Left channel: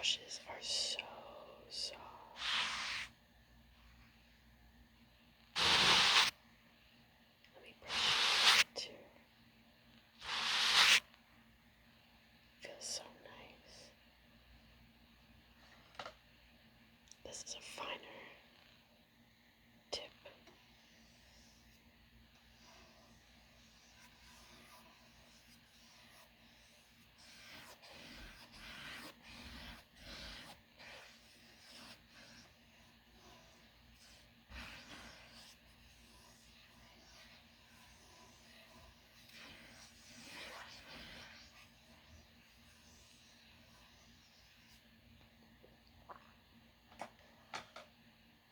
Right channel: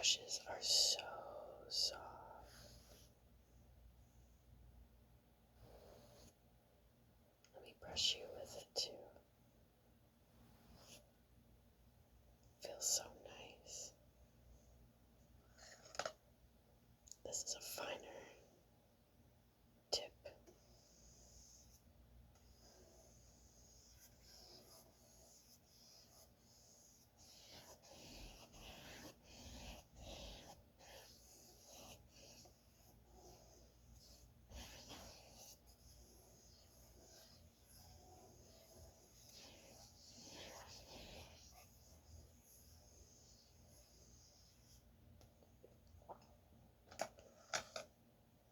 brushes are so soft. Let me brush you too. Feels so nice. This is a finer tip.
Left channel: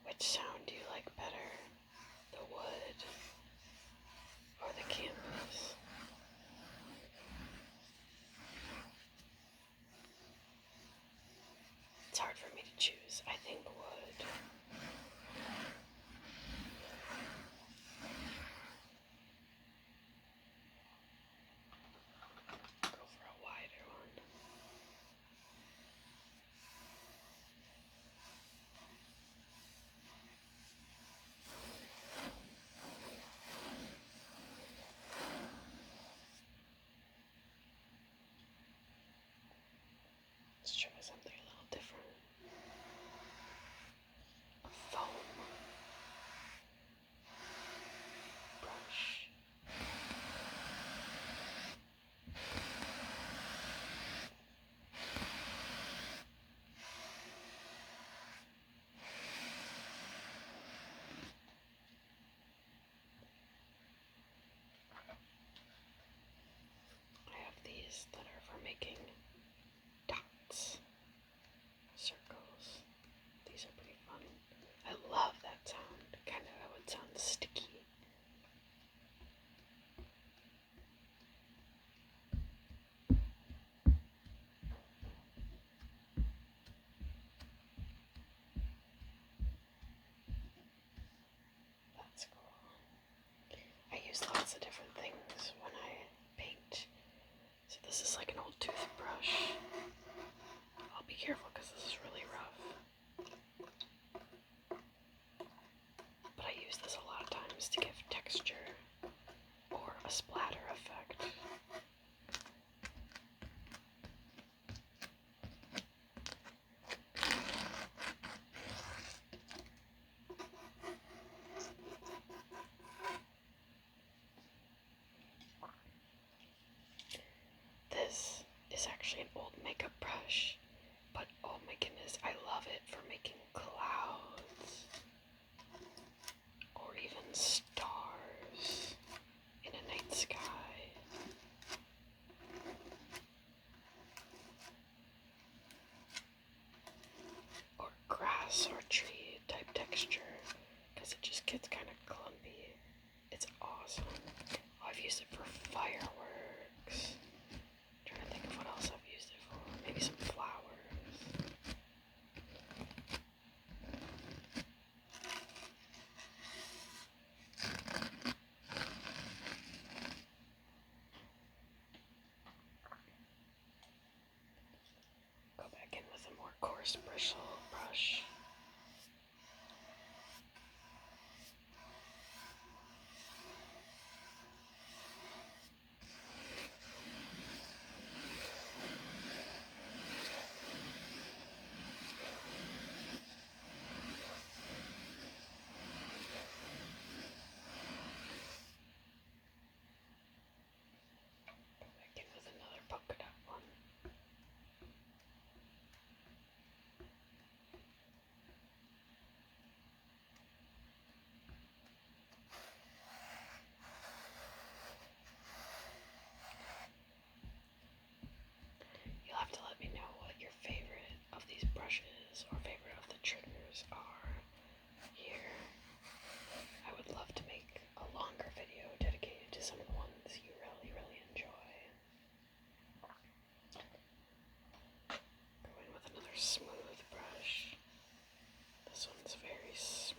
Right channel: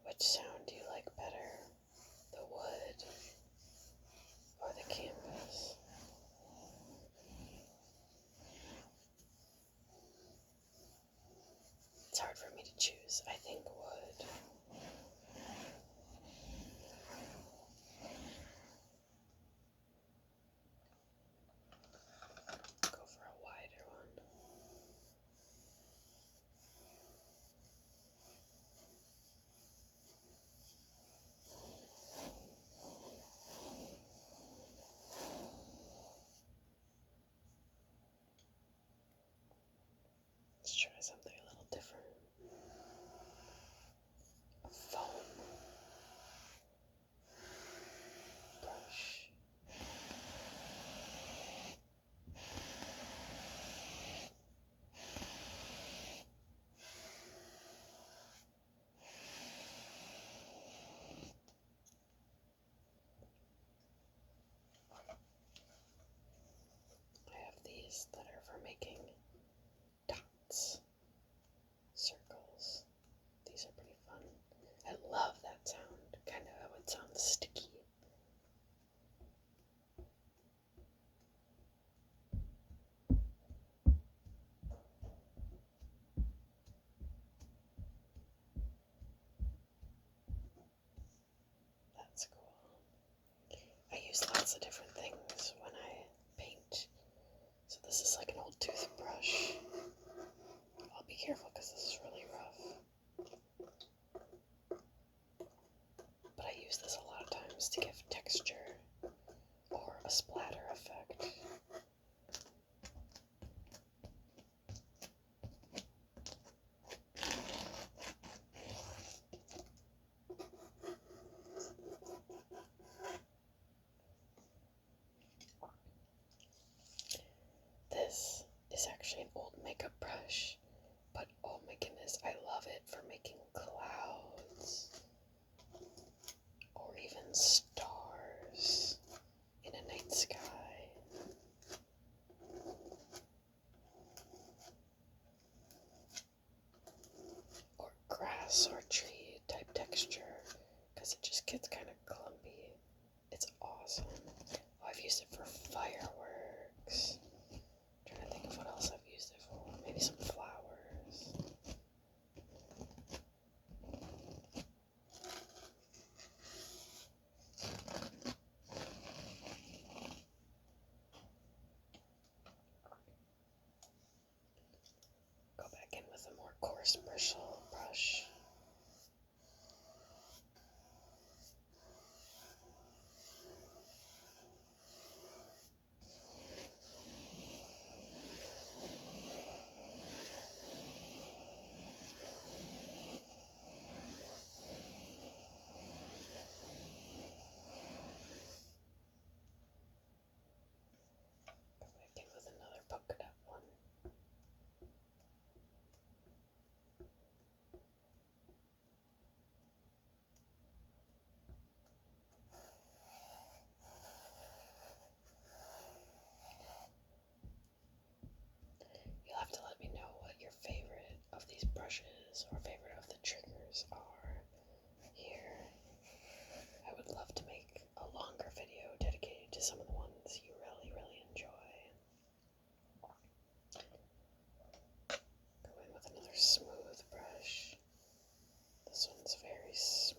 Which sound do you like better? The wood or the canvas? It's hard for me to choose. I think wood. Go for a wider one. Let's try something a little different. A foam brush. I have these that are for making dots, circles. These are pretty fun. I love that sound. Kind of how it sounds sticky. That's cool. I use lots of different things when I paint. So this is like an old toothbrush. I'll be careful because this is really rough. But I use this a lot of times to give texture or a splatter effect. This is actually an old makeup brush, but oh my goodness, I love it for making clouds or even stars in a night sky. Or grass or tree type texture, because it just gets kind of clumpy. It's awesome. Oh, I've used it for fireworks. Trying to think of what else I've used it for. Maybe some flowers. Go back in with a more coarse bristle brush. Go back in with another polka dot one. You'll have to let me know what your favorite of these brushes or favorite of the triggers are here. I would love to make a longer video dedicated to some of the ones you really, really enjoy. Go in with another smooth brush. This one's very smooth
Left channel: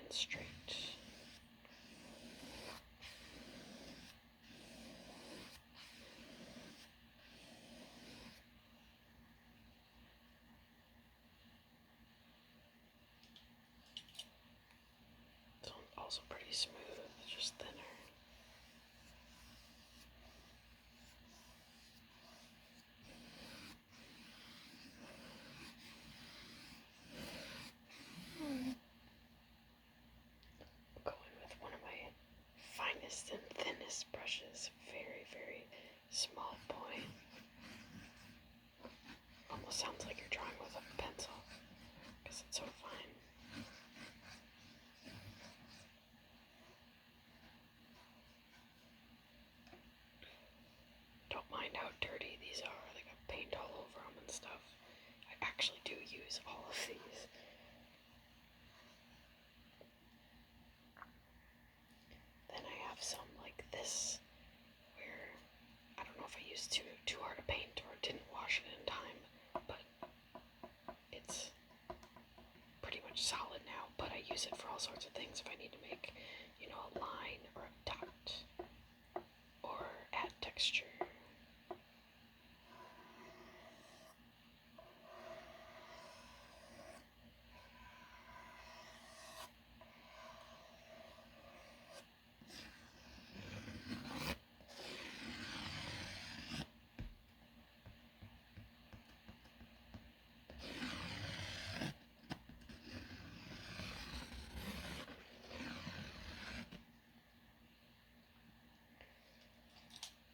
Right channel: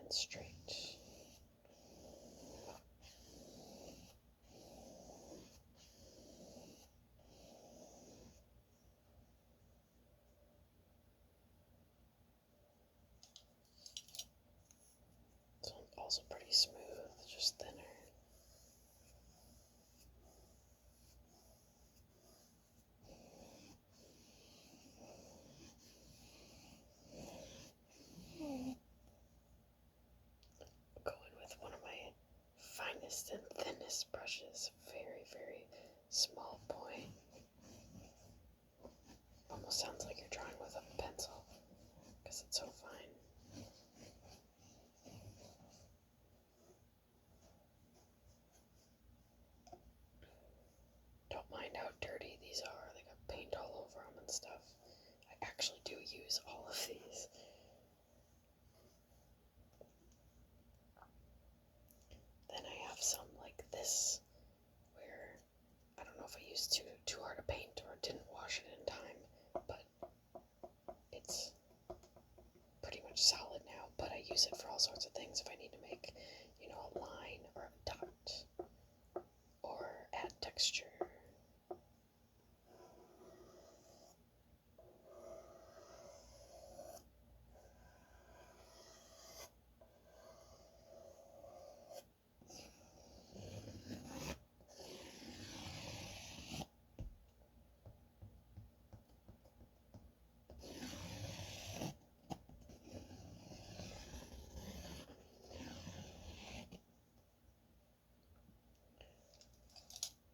and straight. also pretty smooth, just thinner. Going with one of my finest and thinnest brushes, very, very small point. Almost sounds like you're drawing with a pencil because it's so fine. Don't mind how dirty these are. They got paint all over them and stuff. I actually do use all of these. Then I have some like this, where I don't know if I used too hard a paint or didn't wash it in time, but it's pretty much solid now. But I use it for all sorts of things. If I need to make, a line or a dot or add texture.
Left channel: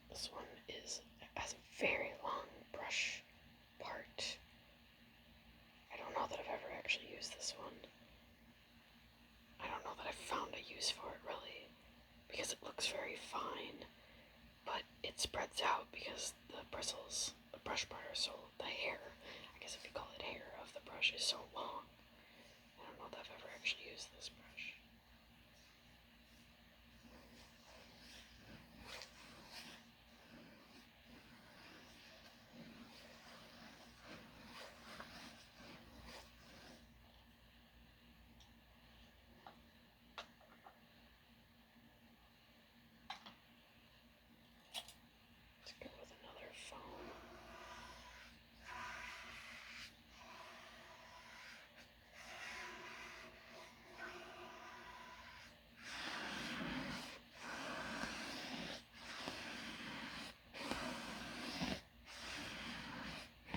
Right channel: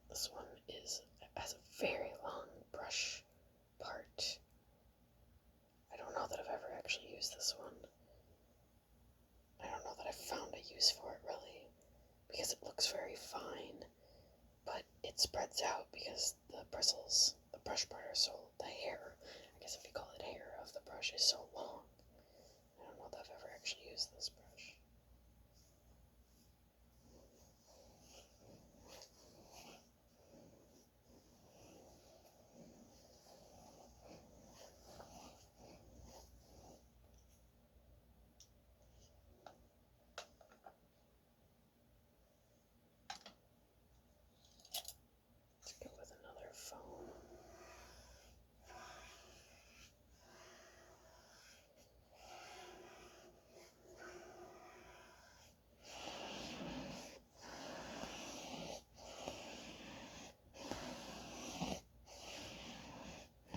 This one has a very long brush part. I don't know that I've ever actually used this one. I don't know that I've found a use for it really, because it looks very fine, but it spreads out because the bristles, the brush part are so, the hair, I guess if you call it hair of the brush, is so long. I don't know that I've ever actually used this brush. Let's go with another foam.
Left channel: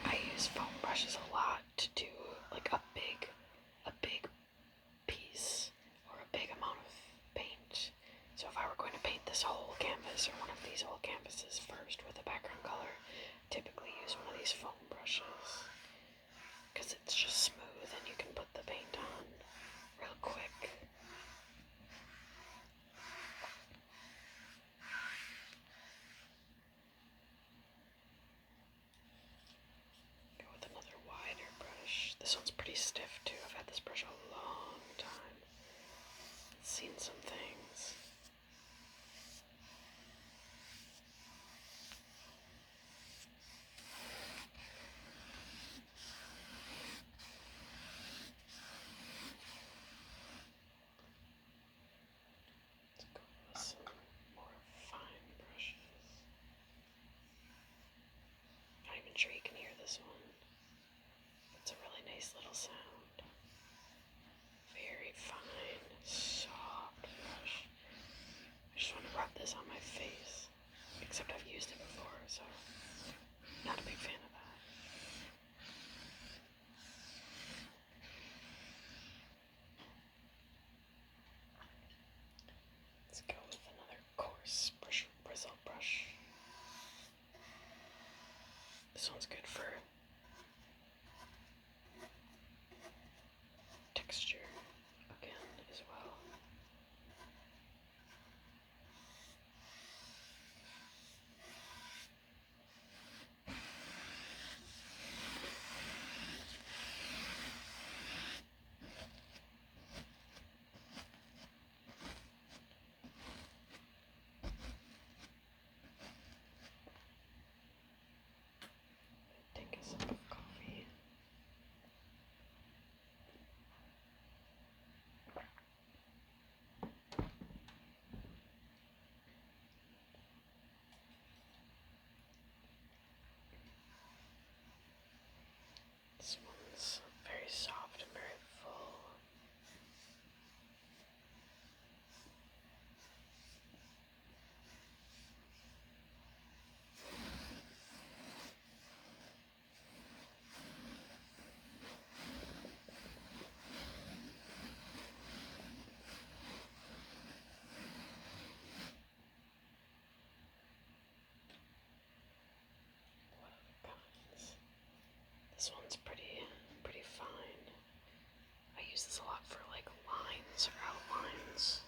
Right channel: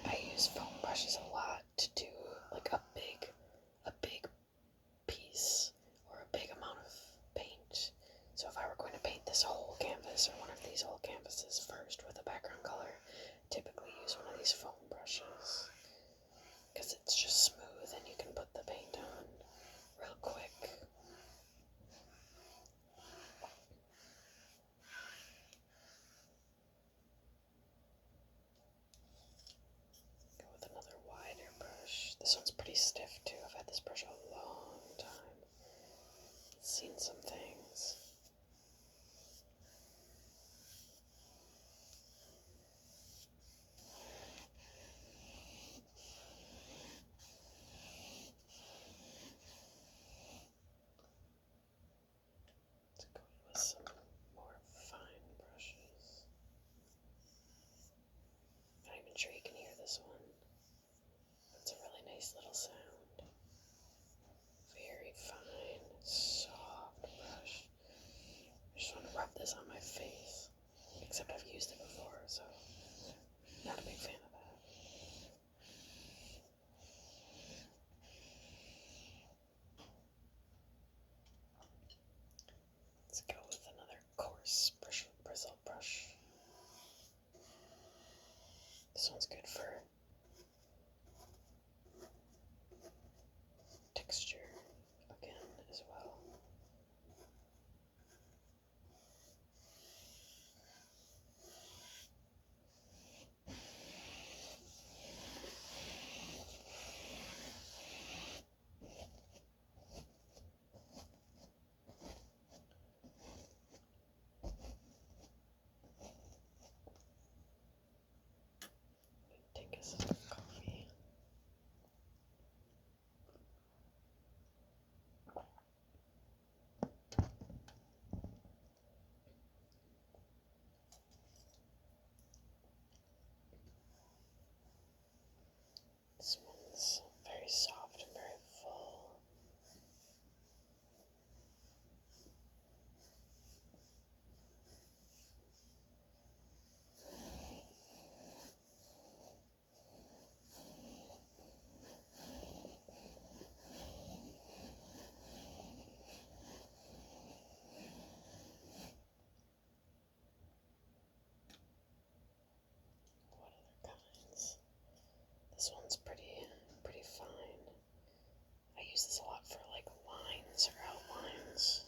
I use foam brushes a lot to do like a big piece or a big amount of paint. So if I were going to paint this whole canvas or one of these whole canvases first with a background color, I typically use one of these foam brushes because it's just smooth and you can put the paint on real quick. Go with another wider brush. This one's pretty stiff too. I've had this brush a long time. It's seen some things. Let's go with some more fine brushes. Not even sure you can hear this one. It's a really nice little sound. Very fine, soft brush. I just want to rub this on my face. Except I've used it before, so not a big fan of that. Let's go with another coarse bristle brush. This one's good for texture again as well. use this a lot for like lines or outlines.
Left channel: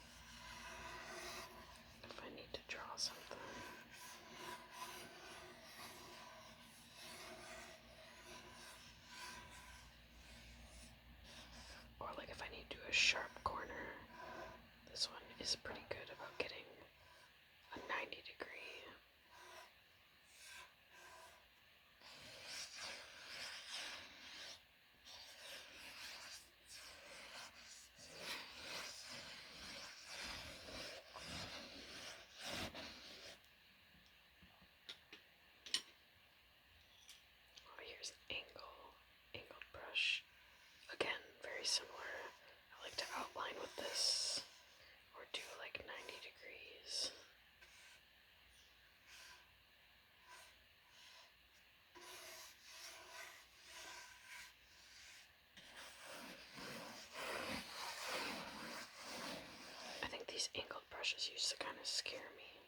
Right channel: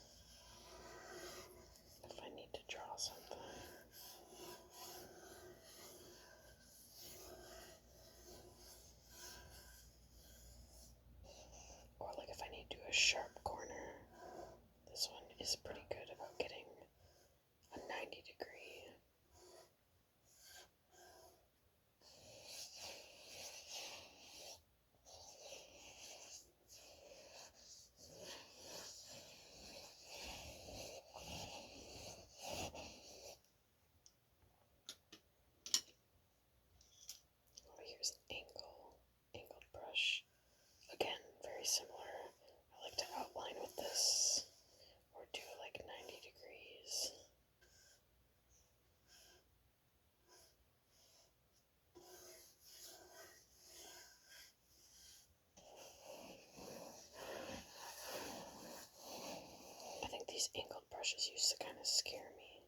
If I need to draw something. Or like if I need to do a sharp corner, this one is pretty good about getting a 90-degree. Oh, here's an angled brush. Again, very similar. I like to outline with this or do like 90 degrees. I think these angled brushes used to kind of scare me,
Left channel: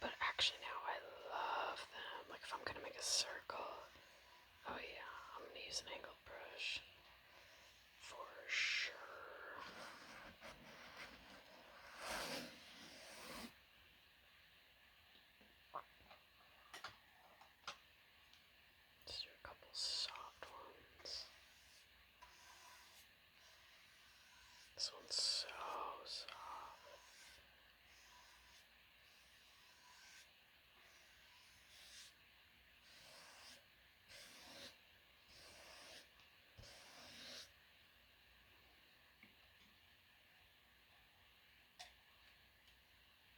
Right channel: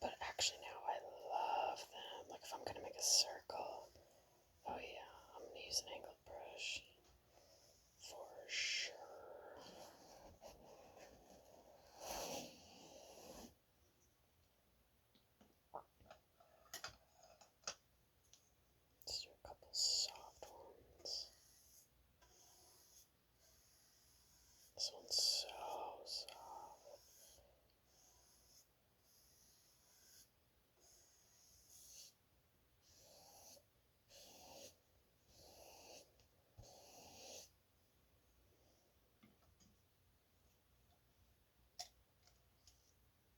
but actually now I love them. Like if I'm gonna make a circle, oh yeah, I'm gonna use an angled brush for sure. Let's do a couple soft ones. This one's so soft.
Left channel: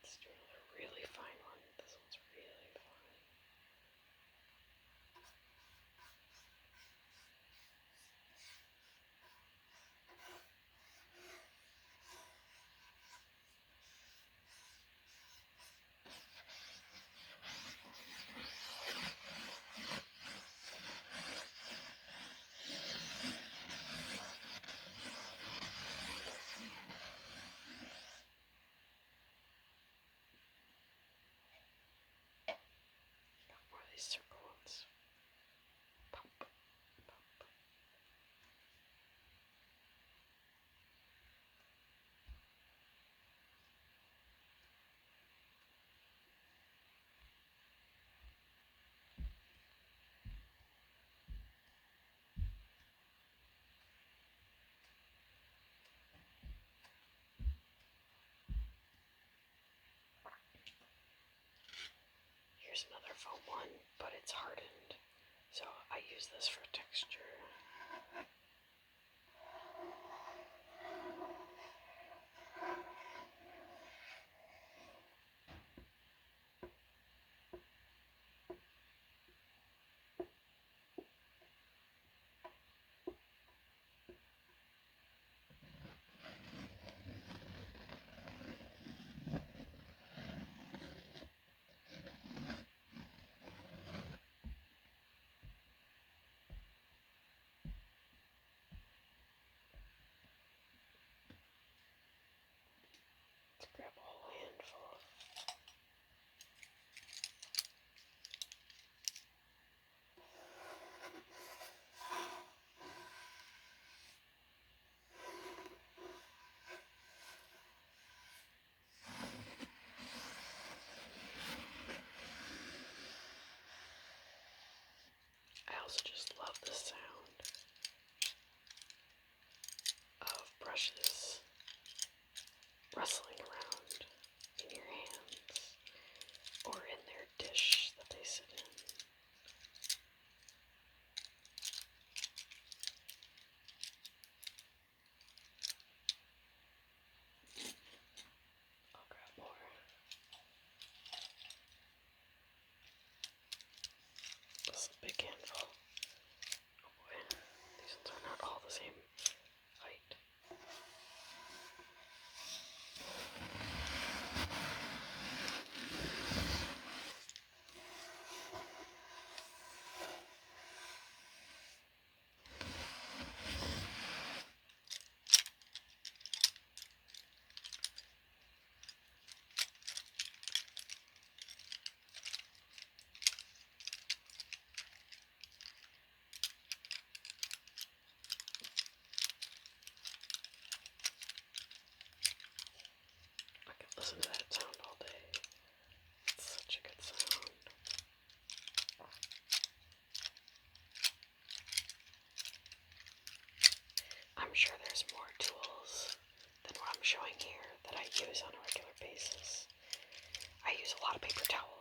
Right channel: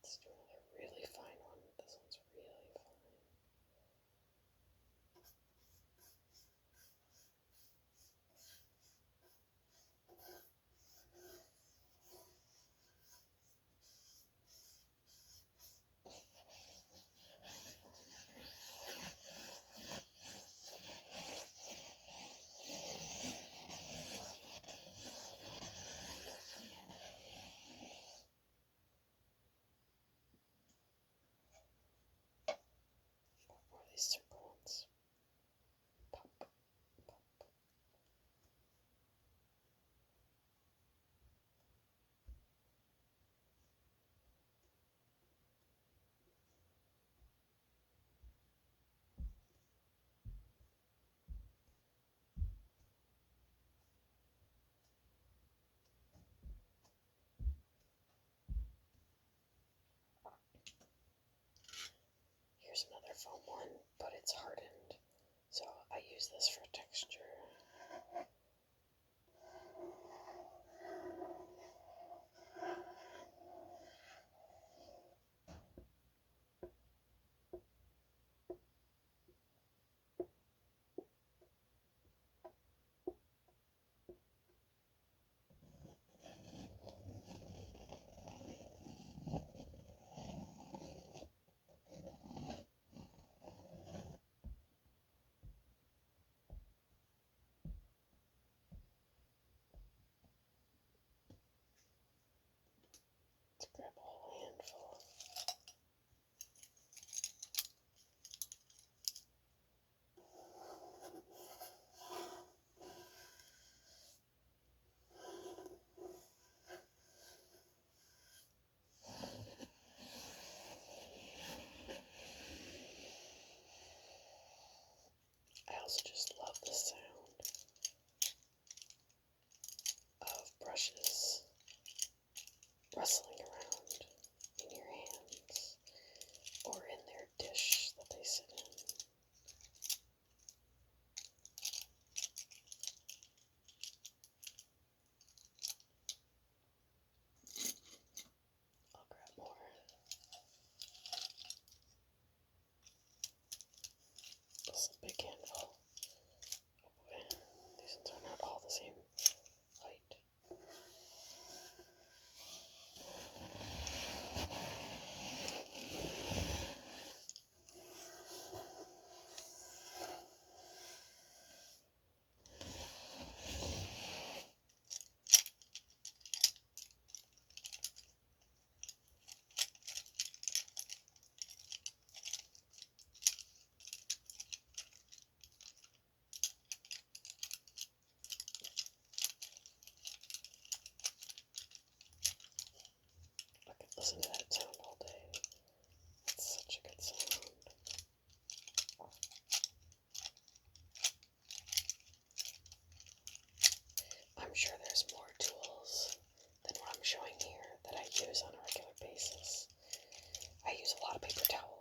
Let's do another really fine one. This one's really fine. Got more of these circle ones. Pop, pop. Here's another foam one, but it's hardened, so I use this for texture. Let's grab a whole handful. I also just love the sound of brushes rustling around in your hands or in their dish that they sit in. I'll grab more. This is a big handful. Oh boy, these ones are not all the same height.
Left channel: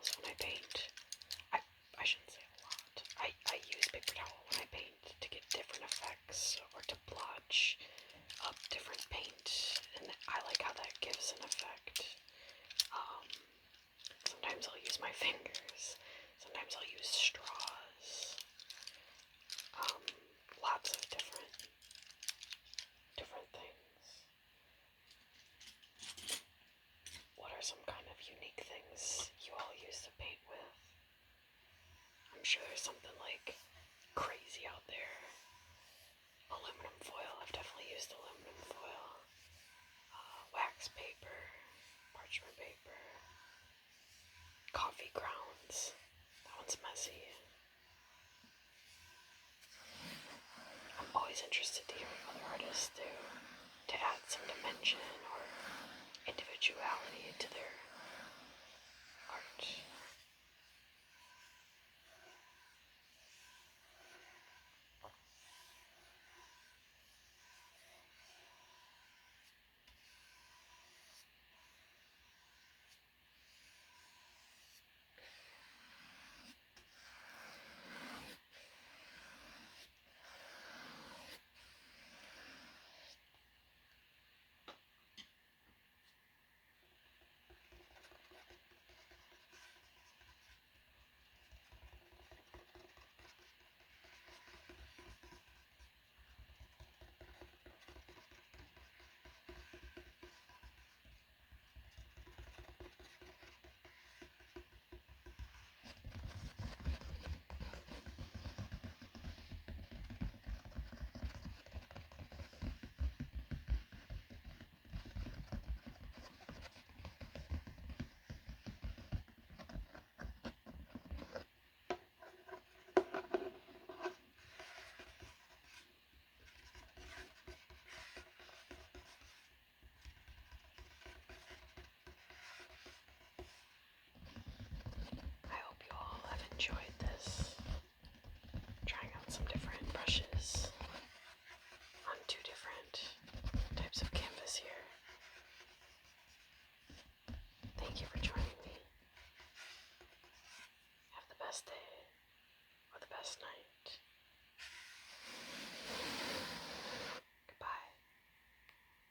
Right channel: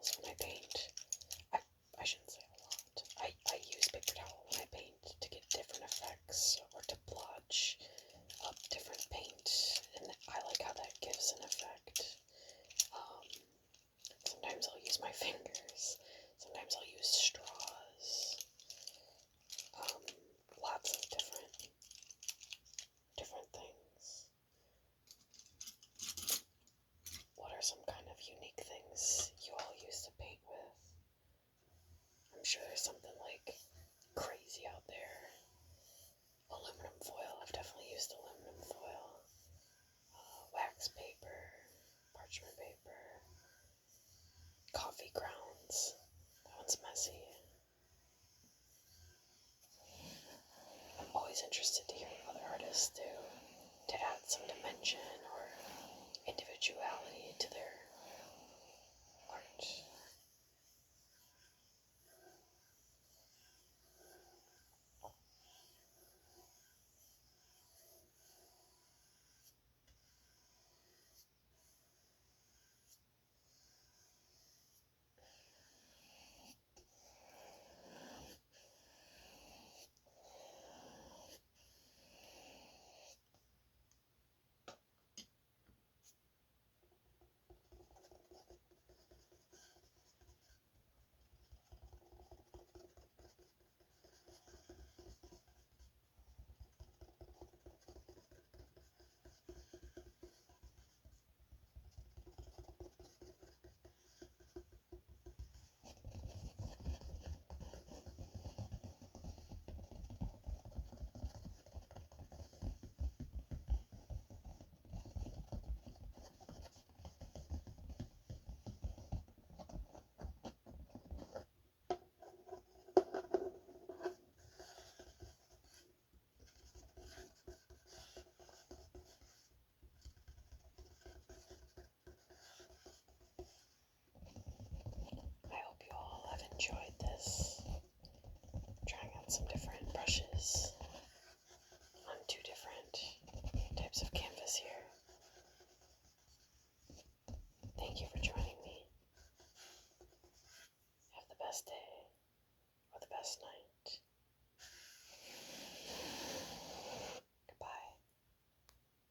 towels when I paint. I shouldn't say a lot. I use paper towel when I paint to get different effects or to blotch up different paint, and I like how that gives an effect. Sometimes I'll use my fingers. Sometimes I'll use straws. Lots of different things. What are some kind of unique things you all use to paint with? I'm sure there's something like crazy out there. Aluminum foil. I've definitely used aluminum foil. Wax paper, parchment paper, coffee grounds. That one's messy. I'm always interested to hear what other artists do to add some dimension or individuality to their art. I hope you all have enjoyed this. Trying out some different brushes on two different types of canvas here. Thank you for joining me. Have the best day or the best night.